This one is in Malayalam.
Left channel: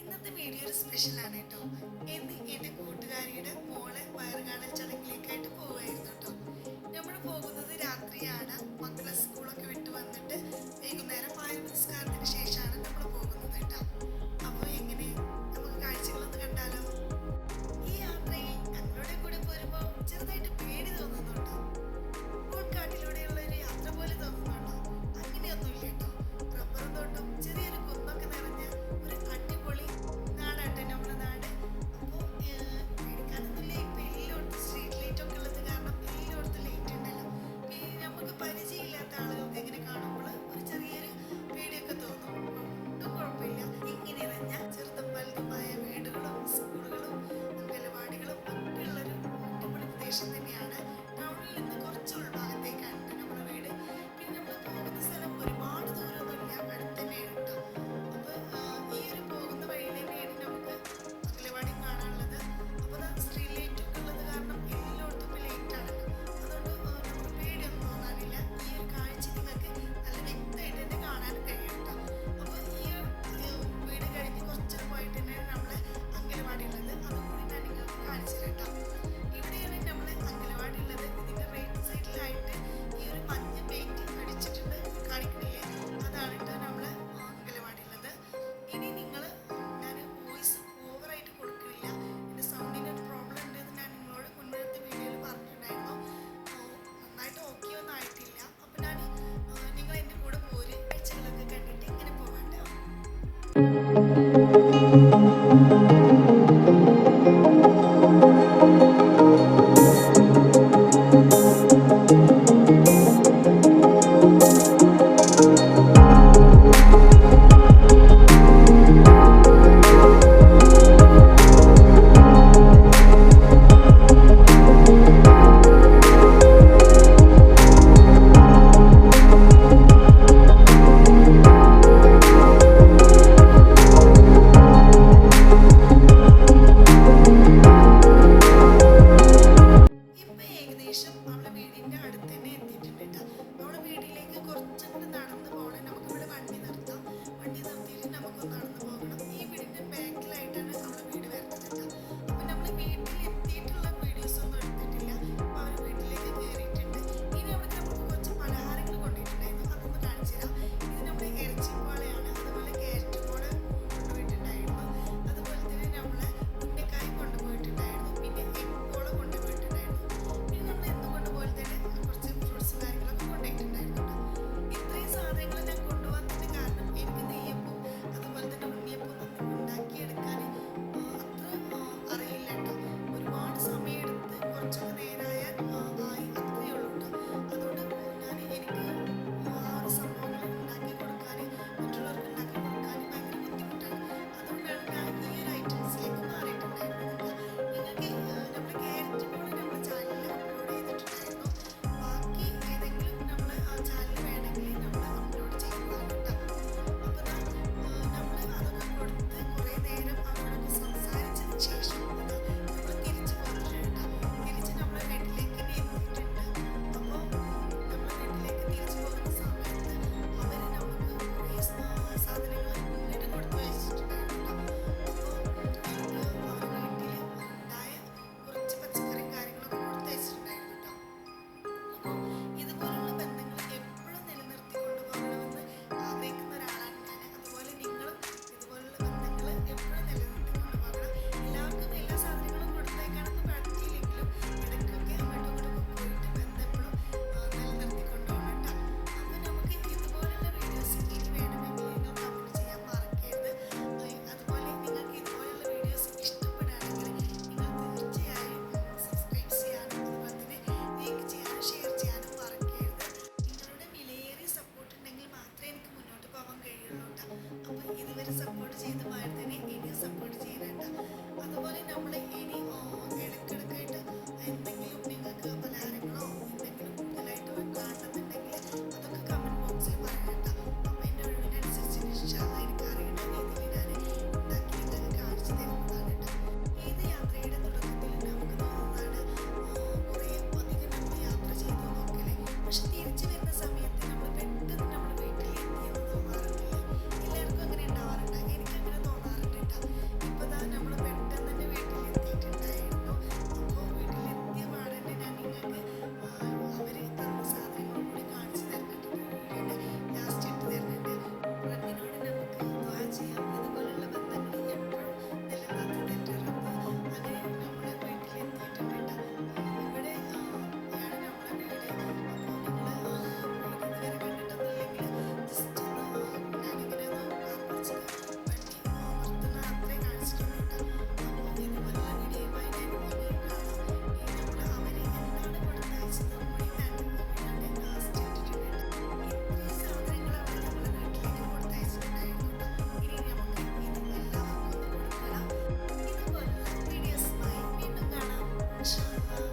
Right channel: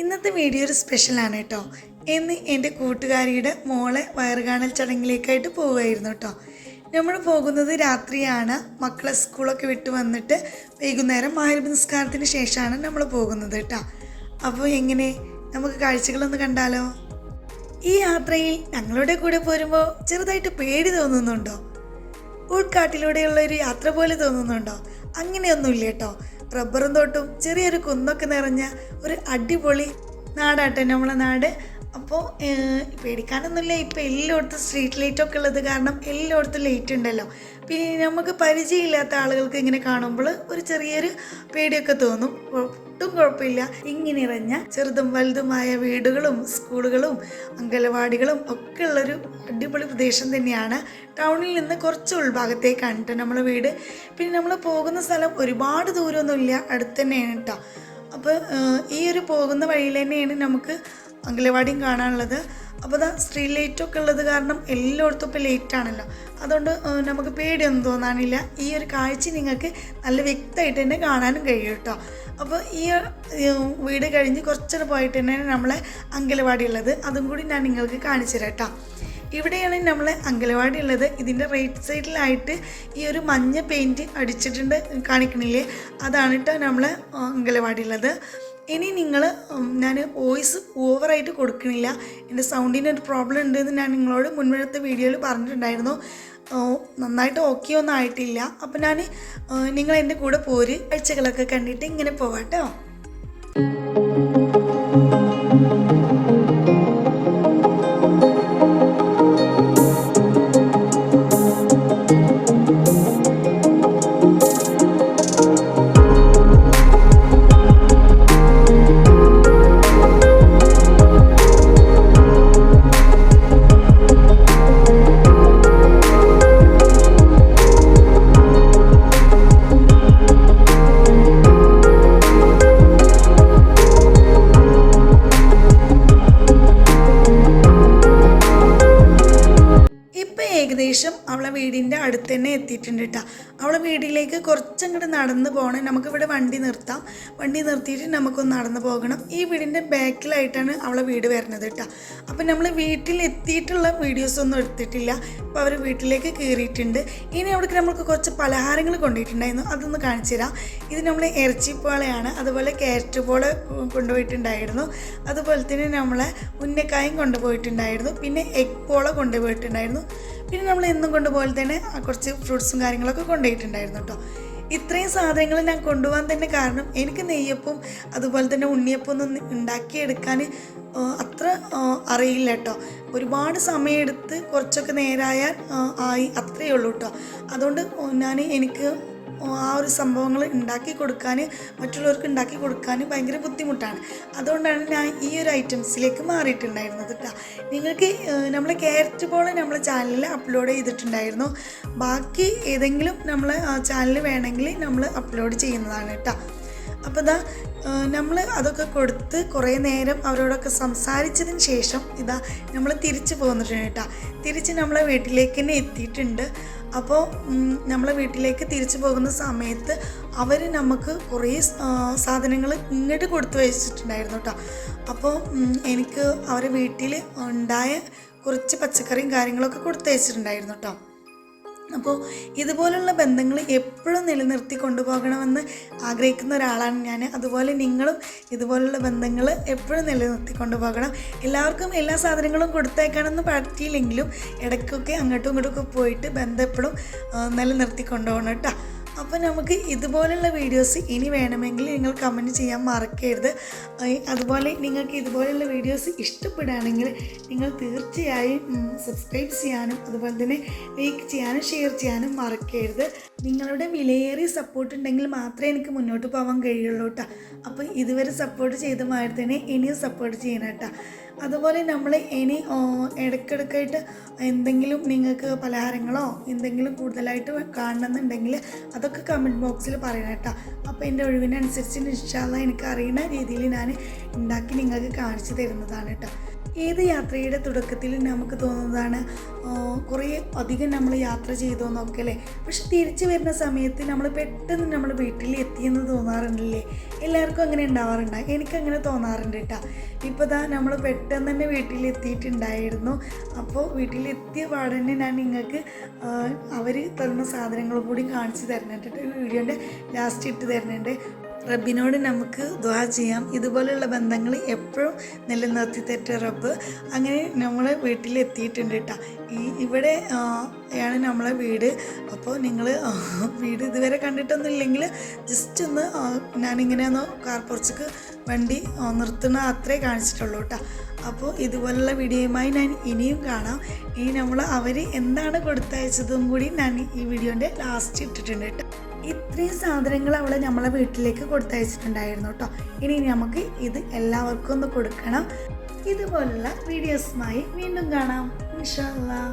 ഇന്നത്തെ വീഡിയോ ഒരു സ്പെഷ്യലാണ് കേട്ടോ. ഇന്ന് എൻ്റെ കൂട്ടുകാരിയുടെ മോളെ വയറുകാണൽ ചടങ്ങിലേക്കായിട്ട് പോവുമായിരുന്നു കേട്ടോ. നമ്മൾ പോകുന്നത് രാത്രിയാണ്. മക്കളെ സ്കൂളൊക്കെ വിട്ട് വന്നിട്ട് വൈകുന്നേരം മഗ്‌രിബ് നിസ്കാരത്തിന് ശേഷമാണ് നമ്മൾ പോകുന്നത് കേട്ടോ. അപ്പോൾ എങ്ങനെ നമുക്ക് കാഴ്ചകളൊന്ന് കണ്ടാലോ? ഈ യാത്രയിൽ ഞങ്ങളുടെ കൂടെ പോരുമ്പോൾ ചെറുതായിട്ട് പേടി തോന്നുന്നുണ്ടോ? ഉൾക്കാട്ടിലൂടെയുള്ളൊരു യാത്ര പോലെ തോന്നുന്നുണ്ടോ? അങ്ങനെയൊന്നുമില്ല കേട്ടോ. റബ്ബറും തോട്ടും ചെറിയൊരു കുന്നൊക്കെ നിറഞ്ഞ ഒരു അടിപൊളി നാടാട്ടെ നമ്മളെ നാട്. അപ്പോൾ പേടിക്കാനൊന്നുമില്ല. ഇപ്പോൾ എല്ലായിടത്തും സ്ട്രീറ്റ് ലൈറ്റൊക്കെ ഉള്ളത് കാരണം എല്ലായിടത്തും ലൈറ്റ് ഉണ്ടല്ലോ. പിന്നെ നമുക്ക് പരിചയമില്ലാത്ത ആളുകൾക്ക് ഇങ്ങനെ കാണുമ്പോൾ ഒരു ചെറിയൊരു പേടിയൊക്കെ തോന്നും. ഒട്ടും കുഴപ്പമില്ല. ഇങ്ങനെ ഇറഞ്ഞ ചെറുതും വലുതുമായ വീടുകളും സ്കൂളുകളും അംഗനവാടികളും ഒക്കെ ഉള്ളൊരു അടിപൊളി പ്രദേശം തന്നെയാണ്. ടൗണിൽ നിന്ന് കുറച്ച് ഉൾഭാഗത്തേക്കാണ് കേട്ടോ നമ്മളെ വീട്. പിന്നെ നമ്മൾ പോകുന്ന സ്ഥലം ഒരുപാട് ദൂരമൊന്നുമില്ല, അടുത്ത് തന്നെയാണ് കേട്ടോ. അപ്പോൾ ഈ ഒരു പോകുന്ന വഴിയിൽ തന്നെയാണ് നമുക്ക് അംഗനവാടിയും കാണാനുള്ളത്. അപ്പോൾ സ്ട്രീറ്റ് ലൈറ്റൊക്കെ ഉള്ളത് കാരണം എല്ലായിടത്തും ഇപ്പോൾ ലേറ്റാണല്ലോ. അതുകൊണ്ട് നമുക്ക് പേടിയൊന്നും തോന്നാനില്ല. ഈ ഒരു കാഴ്ച നിങ്ങൾക്ക് നല്ല വ്യക്തമായിട്ട് തന്നെ കാണാനും കഴിയും കേട്ടോ. അപ്പോൾ ഈ വീട് കഴിഞ്ഞ് കുറച്ചൊരു പോയിട്ട് തന്നെ നമ്മളെ അംഗനവാടി ഉള്ളത്. അതും കൂടി ഞാൻ നിങ്ങൾക്ക് കാണിച്ചു തരാം കേട്ടോ. ഇവിടെയാണ് നമ്മളെ അംഗനവാടി ഉള്ളത്. ഇതിൻ്റെ റൈറ്റ് സൈഡിലായിട്ട് ഈ ഒരു മഞ്ഞ പെയിൻറ്റ് അടിച്ചിട്ടുണ്ട്, കാണിക്കണില്ലേ? അതാണ് കേട്ടോ നമ്മളെ അംഗനവാടി ഉള്ളത്. ഇനി ഞാൻ വോയിസ് ഓവറായിട്ട് കൊടുക്കണില്ല. എൻ്റെ സൗണ്ടിന് ഒരു പ്രോബ്ലം ഉണ്ടെന്ന് ഞാൻ നിങ്ങളോട് മുൻവഴത്തെ വീഡിയോയിൽ പറഞ്ഞിട്ടുണ്ടായിരുന്നു. നന്നായിട്ട് ഓക്കെ ഒന്നും ആയിട്ടില്ല. അപ്പോൾ ഞാൻ നിങ്ങൾ എൻ്റെ കൂടെ പോര് കാഴ്ചകളൊക്കെ കണ്ടിട്ട് ഇങ്ങനെ പോവാം കേട്ടോ. ഏകദേശം അവളെ വീടിൻ്റെ അടുത്ത് തന്നെ എത്തിയിട്ടുണ്ട് കേട്ടോ. അവളെ വീട്ടിലേക്ക് കുറച്ചങ്ങോട്ട് നടന്ന് പോകണം. നമുക്കിവിടെ വണ്ടി നിർത്താം. വണ്ടി നിർത്തിയിട്ട് നമുക്കൊന്ന് നടന്ന് പോകണം. ഈ വീടിൻ്റെ ബാക്കിലായിട്ടാണ് അവളെ വീട് വരുന്നത് കേട്ടോ. അപ്പം നമ്മൾ വീട്ടിലെത്തിയിട്ടുള്ള വീഡിയോസൊന്നും എടുത്തിട്ടില്ല. അപ്പോൾ അവർ വീട്ടിലേക്ക് കയറിയിട്ടുണ്ട്. ഇനി അവിടേക്ക് നമ്മൾക്ക് കുറച്ച് പലഹാരങ്ങൾ കൊണ്ടുപോയിട്ടുണ്ടായിരുന്നു, അതൊന്ന് കാണിച്ചു തരാം. ഇത് നമ്മൾ ഇറച്ചിപ്പോളയാണ്, അതുപോലെ ക്യാരറ്റ് പോള കൊണ്ടുപോയിട്ടുണ്ടായിരുന്നു, അതുപോലെ തന്നെ നമ്മളെ ഉന്നക്കായും കൊണ്ടുപോയിട്ടുണ്ടായിരുന്നു, പിന്നെ എഗ് പോള കൊണ്ടുപോയിട്ടുണ്ടായിരുന്നു, പിന്നെ നമ്മൾ എന്നും കൊണ്ടുപോലെ തന്നെ കുറച്ച് ഫ്രൂട്ട്സും കാര്യങ്ങളൊക്കെ കൊണ്ടുപോയിട്ടുണ്ടായിരുന്നു കേട്ടോ. ഇത്രയും സാധനങ്ങൾ ഞാൻ കൊണ്ടുപോകാൻ തന്നെ കാരണം എനിക്ക് നെയ്യപ്പം അതുപോലെ തന്നെ ഉണ്ണിയപ്പം ഒന്നും ഉണ്ടാക്കിയെടുക്കാൻ അത്ര അറിയില്ല കേട്ടോ. ഒരുപാട് സമയമെടുത്ത് കുറച്ചൊക്കെ നേരായാൽ ആയി, അത്രയേ ഉള്ളൂ കേട്ടോ. അതുകൊണ്ട് എനിക്ക് ആ ഒരു സംഭവങ്ങൾ ഉണ്ടാക്കി കൊടുക്കാൻ, മറ്റുള്ളവർക്ക് ഉണ്ടാക്കി കൊടുക്കാൻ ഭയങ്കര ബുദ്ധിമുട്ടാണ്. അതുകൊണ്ടാണ് ഞാൻ ഈ ഒരു ഐറ്റംസിലേക്ക് മാറിയിട്ടുണ്ടായിരുന്നത് കേട്ടോ. നിങ്ങൾക്ക് നമ്മൾ ക്യാരറ്റ് പോള നമ്മളെ ചാനലിൽ അപ്ലോഡ് ചെയ്തിട്ടുണ്ടായിരുന്നു. ബാക്കി ഏതെങ്കിലും നമ്മളെ ചാനൽ വേണമെങ്കിൽ നമ്മൾ അപ്ലോഡ് ചെയ്യുന്നതാണ് കേട്ടോ. അപ്പോൾ നമ്മൾ അതൊക്കെ കൊടുത്ത് കുറേ നേരം അവരോടൊക്കെ സംസാരിച്ചതിന് ശേഷം നമ്മൾ തിരിച്ച് പോന്നിട്ടുണ്ട് കേട്ടോ. തിരിച്ച് നമ്മളെ വീട്ടിലേക്ക് തന്നെ എത്തിയിട്ടുണ്ട്. അപ്പോൾ നമ്മളെ വീട്ടിലേക്ക് തിരിച്ചു പോകുന്ന സമയത്ത് അവർ നമുക്ക് കുറേ സാധനങ്ങൾ ഇങ്ങോട്ട് കൊടുത്തു വെച്ചിട്ടുണ്ടായിരുന്നു കേട്ടോ. അപ്പോൾ എനിക്ക് അവരുടെ വീട്ടിൽ ഉണ്ടായ കുറച്ച് പച്ചക്കറിയും കാര്യങ്ങളൊക്കെ കൊടുത്തു വെച്ചിട്ടുണ്ടായിരുന്നു കേട്ടോ. അപ്പോൾ ഇതുപോലുള്ള ബന്ധങ്ങൾ എപ്പോഴും നിലനിർത്തി കൊണ്ടുപോകണമെന്ന് ആഗ്രഹിക്കുന്ന ഒരാളാണ് ഞാൻ. അതുപോലെ നിങ്ങളും ഇതുപോലുള്ള ബന്ധങ്ങൾ എപ്പോഴും നിലനിർത്തി കൊണ്ടുപോകണം. എല്ലാവർക്കും എല്ലാ സാധനങ്ങളും കൊടുത്തേക്കാനൊന്നും പറ്റിയില്ലെങ്കിലും ഇടയ്ക്കൊക്കെ അങ്ങോട്ടും ഇങ്ങോട്ടുമൊക്കെ പോയിട്ട് ബന്ധം എപ്പോഴും നിലനിർത്തി കൊണ്ടുപോകണം കേട്ടോ. അപ്പോൾ നമുക്ക് ഇതുപോലുള്ള വീഡിയോസ് ഇനി വേണമെങ്കിൽ നിങ്ങൾ കമൻറ്റ് ചെയ്യാൻ മറക്കരുത്. അതുപോലെ നിങ്ങൾക്ക് ഇതുപോലുള്ള വീഡിയോസ് ഇഷ്ടപ്പെടുകയാണെങ്കിൽ നിങ്ങൾ തീർച്ചയായും സബ്സ്ക്രൈബ് ചെയ്യാനും അതുപോലെ തന്നെ ലൈക്ക് ചെയ്യാനും ഷെയർ ചെയ്യാനും മറക്കരുത്. നിങ്ങളുടെ വിലയേറിയ സപ്പോർട്ട് ഉണ്ടെങ്കിൽ മാത്രമേ എനിക്ക് മുന്നോട്ട് പോകാൻ കഴിയുള്ളൂ കേട്ടോ. അപ്പോൾ ഇതുവരെ സപ്പോർട്ട് ചെയ്ത മാതിരി തന്നെ ഇനിയും സപ്പോർട്ട് ചെയ്യണം കേട്ടോ. അതുപോലെ നമ്മൾ ഇനി ഇടയ്ക്കിടയ്ക്കായിട്ട് എന്തെങ്കിലും നിങ്ങൾക്ക് പലഹാരങ്ങളോ എന്തെങ്കിലും കൂടുതലായിട്ട് കാണണമെന്നുണ്ടെങ്കിൽ അതൊക്കെ കമൻറ്റ് ബോക്സിൽ പറയണം കേട്ടോ. അപ്പോൾ എൻ്റെ ഒഴിവിനനുസരിച്ച് ഇൻഷാ അല്ലാഹ് എനിക്ക് അറിയുന്ന രീതിയിൽ ഞാൻ ഉണ്ടാക്കി നിങ്ങൾക്ക് കാണിച്ചു തരുന്നതാണ് കേട്ടോ. ഏത് യാത്രയുടെ തുടക്കത്തിൽ നമുക്ക് തോന്നുന്നതാണ് കുറേ അധികം നമ്മൾ യാത്ര ചെയ്തോന്നൊക്കെ അല്ലേ. പക്ഷെ തിരിച്ചു വരുന്ന സമയത്ത് നമ്മൾ പെട്ടെന്ന് നമ്മൾ വീട്ടിൽ എത്തിയെന്ന് തോന്നാറുണ്ടല്ലേ? എല്ലാവർക്കും അങ്ങനെ ഉണ്ടാവാറുണ്ട്. എനിക്കങ്ങനെ തോന്നാറുണ്ട് കേട്ടോ. ഇപ്പോൾ ദാ നമ്മൾ പെട്ടെന്ന് തന്നെ വീട്ടിലെത്തിയിട്ടുണ്ടായിരുന്നു. അപ്പോൾ വീട്ടിലെത്തിയ പാടന്നെ ഞാൻ നിങ്ങൾക്ക് അവർ തന്ന സാധനങ്ങൾ കൂടി കാണിച്ചു തരുന്നുണ്ട്. വീഡിയോൻ്റെ ലാസ്റ്റ് ഇട്ട് തരുന്നുണ്ട്. റബ്ബിനോട് നമുക്ക് ദുആ ചെയ്യാം, ഇതുപോലെയുള്ള ബന്ധങ്ങൾ എപ്പോഴും നിലനിർത്തി തരട്ടെ റബ്ബ്. അങ്ങനെ നമ്മൾ വീട്ടിലെത്തിയിട്ടുണ്ട് കേട്ടോ. ഇവിടെ ആണ് നമ്മളെ വീട്. അപ്പോൾ നിങ്ങൾ വീട് ഇതുവരെ കണ്ടിട്ടൊന്നും ഇല്ലെങ്കിൽ ജസ്റ്റ് ഒന്ന് ഞാനിങ്ങനെ ഒന്ന് കാർ പോർച്ചിക്ക് വണ്ടി നിർത്തുന്ന അത്രേ കാണിച്ചിട്ടുള്ളൂ കേട്ടോ. അപ്പോൾ ഇതുപോലുള്ള വീഡിയോയുമായി ഞാൻ ഇനിയും കാണാം. ഇനി നമ്മൾ അവർ എന്താണ് കൊടുത്തയച്ചതും കൂടി ഞാൻ ഈ വീഡിയോൻ്റെ ലാസ്റ്റ് ഇട്ടിട്ടുണ്ട് കേട്ടോ. ഇത്രയും സാധനങ്ങൾ അവളെ നമ്മളെ വീട്ടിലേക്ക് കൊടുത്തയച്ചിട്ടുണ്ടായിരുന്നു കേട്ടോ. ഇനി നമുക്ക് ഇത് എല്ലാവർക്കും ഒന്ന് കൊടുക്കണം. ഇതുപോലുള്ള വീഡിയോസുമായി വീണ്ടും കാണാം ഇൻഷാ അല്ലാഹ്.